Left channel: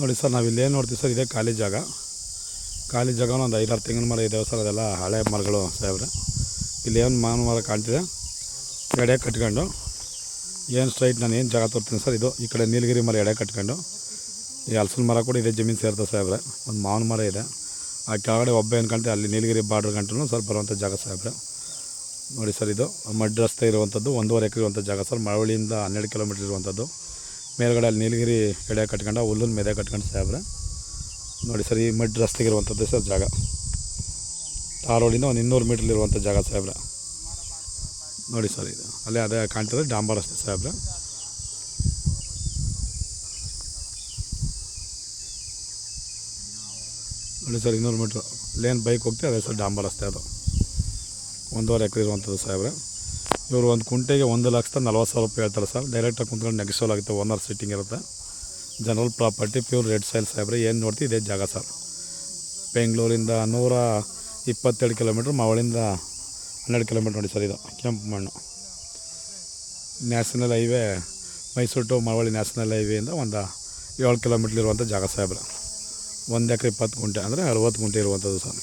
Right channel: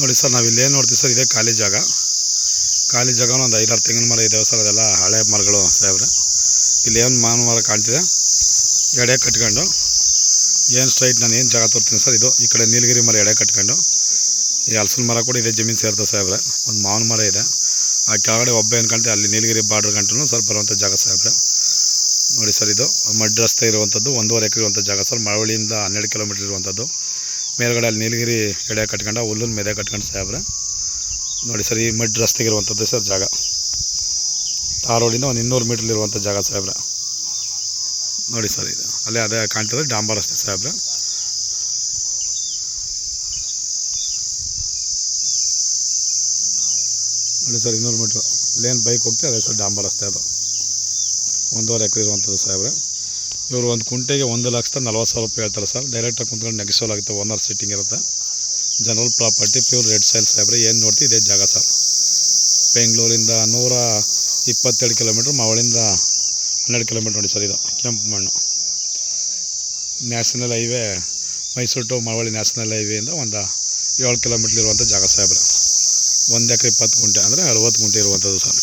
ನೋಡಿ ಸರ್, ನಾವು ಇಲ್ಲೇನು ನೋಡ್ತೀವಿ ಸರ್, ಇದೇ ಖಾಲಿ ಜಾಗ. ಖಾಲಿ ಜಾಗನೂ ಒಂದು 5-6 ತೆಂಗಿನ ಮರ ಇದ್ದಾವೆ ಸರ್. ಅದೆಲ್ಲ ಹಳೆ ಮರಗಳು ಸಾಹೇಬ್ರೆ. ಇಲ್ಲಿ ಏನು ಮಾವಿನ ಮರ ಕಾಣ್ತಿದೆ, ಎಡೆ ಕಟ್ಕೊಂಡು ಏನು ಸ್ಟ್ರೈಟ್ ನಾನು ಏನು ಜಾಗ ತೋರ್ತೀನಿ ಸರ್. ಇದು ಈ ಕಡೆ ನೀಲಗಿರಿ ಮರ ಎಡೆ ಕಟ್ಕೊಂಡು, ಈ ಹಲಸಿನ ಮರ ಕೂಡ ಇದೇ ಜಮೀನು ಸೇರ್ತದೆ ಸಾಹೇಬ್ರೆ. ಒಂದು ಮಾವಿನ ಮರ ಇದೆ, ಆ ಕೆಳಗಡೆ ಒಬ್ಬ ಏನು ಕಾಣ್ತೀವಿ ಅಲ್ಲಿ ನೀಲಗಿರಿ ಬಾರ್ಡ್ರ್ ಗಂಟು ಸರ್ ಬರುವಂಥ ಜಾಗ ಸಾಹೇಬ್ರೆ. ನೋಡಿ ಸರ್, ಇದು ಮಡ್ ರಸ್ತೆ ಇರುವಂಥದ್ದು 1.5 ಎಕರೆ ಇರುವಂಥ ಜಾಗ ಸರ್. ಮಳವಳ್ಳಿಯಿಂದ 12 ಕಿಲೋಮೀಟ್ರ್ ಇರುವಂಥದ್ದು. ಮೇಲ್ಗಡೆ ಅಲ್ಲಿ ನೀಲಗಿರಿ ಎಡೆ ಕಟ್ಕೊಂಡು ಹುಲ್ಲನ್ನು ಮೆದೆ ಕಟ್ಕೊಂಡು ಸಾಹೇಬ್ರೆ. ನೋಡಿ ಸರ್, ಈ ಮಡ್ ರಸ್ತೆಗೆ ಇರುವಂಥದ್ದು ಸರ್ ಜಾಗ. ತಾರ್ ರೋಡಿಂದ ಒಂದು 200 ಮೀಟ್ರಲ್ಲಿರುವಂಥ ಜಾಗ ಸಾಹೇಬ್ರೆ. ನೋಡಿ ಸರ್, ಇದು ಅಲ್ಲೇ ಅದೇ ಕಾಣ್ತದೆ ಡಾಂಬರ್ ರಸ್ತೆ ಸಾಹೇಬ್ರೆ. ನೋಡಿ ಸರ್, 200 ಮೀಟ್ರ್ ಲೇನ್ ಬೈಕ್ ಹೋಗ್ತೀವಿ, ಅದೇ ಸರ್ ಡಾಂಬರ್ ರಸ್ತೆ. ಅದು 1.5 ಎಕರೆ ಇರುವಂಥದ್ದು ಸಾಹೇಬ್ರೆ. ಇವರು ಒಂದು ಕುಂಟೆಗೆ 1,40,000 ರೂಪಾಯಿ ಹೇಳ್ತಾರೆ ಸರ್. ಡೈರೆಕ್ಟಾಗಿ ಕುಂತ್ಕೊಂಡು ನೆಗೆಸೋಲ್ ಆಗುತ್ತೆ, ಓನರ್ ಸಿಟ್ಟಿಂಗ್ ಇರುತ್ತೆ. General property, pure red soil ಸಾಹೇಬ್ರೆ. ಏನು ನೋಡ್ತೀವಿ ಇದೇ ಜಾಗ ಸರ್. ಬೆಂಗಳೂರಿಂದ 127 ಕಿಲೋಮೀಟ್ರ್, ಮಾವಳಿಂದ 12 ಕಿಲೋಮೀಟ್ರ್. ನೋಡಿ ಸರ್, ಇದು ಕೆಂಪು ಮಣ್ಣು. National highway Mysuru to Mavali national ಹೈವೇಯಿಂದ ಒಂದು 7 ಕಿಲೋಮೀಟ್ರ್ ಇರುವಂಥ ಜಾಗ ಸಾಹೇಬ್ರೆ. 1 ಎಕರೆ 20 ಗುಂಟೆ ಅಂದರೆ 60 ಗುಂಟೆ ಇರುವಂಥದ್ದು ಸರ್.